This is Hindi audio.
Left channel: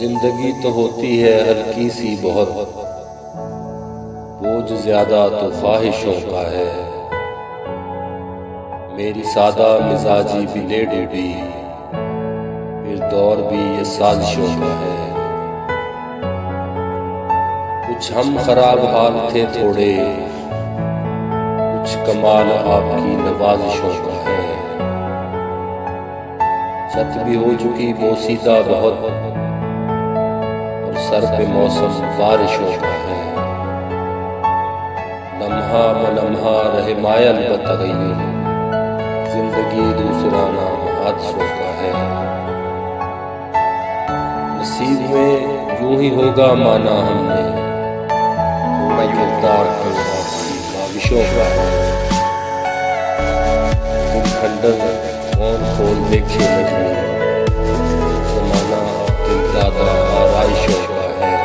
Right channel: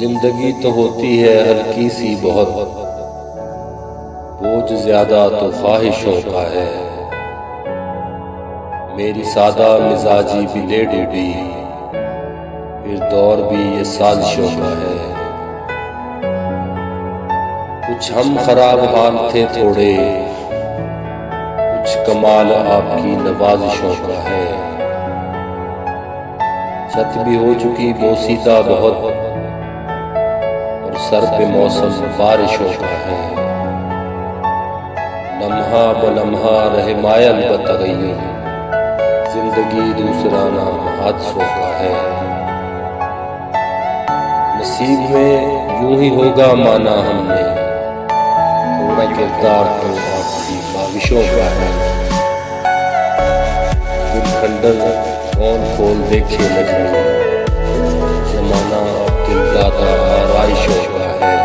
जिंदगी तो होती है हल्की सी बहुत, बोझ ज्यादा तो ख्वाहिशों का है। मेरी सादा मिजाजी भी ले डूबी, फिर दौर भी ये साजिशों का है। कुछ हम खराब हाल थे थोड़े, कुछ कमाल आपकी नवाजिशों का है। छत भी हो चुकी बोसीदा बहुत, और सर पे मौसम बारिशों का है। लम्हा बलम्हा रहे मायल बतगय्युर, जिंदगी दूसरा नाम हादसों का है। नसीब में यूं ही होगा माना हमने, थोड़ा किरदार तो आपकी बाविशों का है। दिल खंडर कौन खोल देखे नजमी, जमाना अब दिल ज़्यादा आराइशों का है।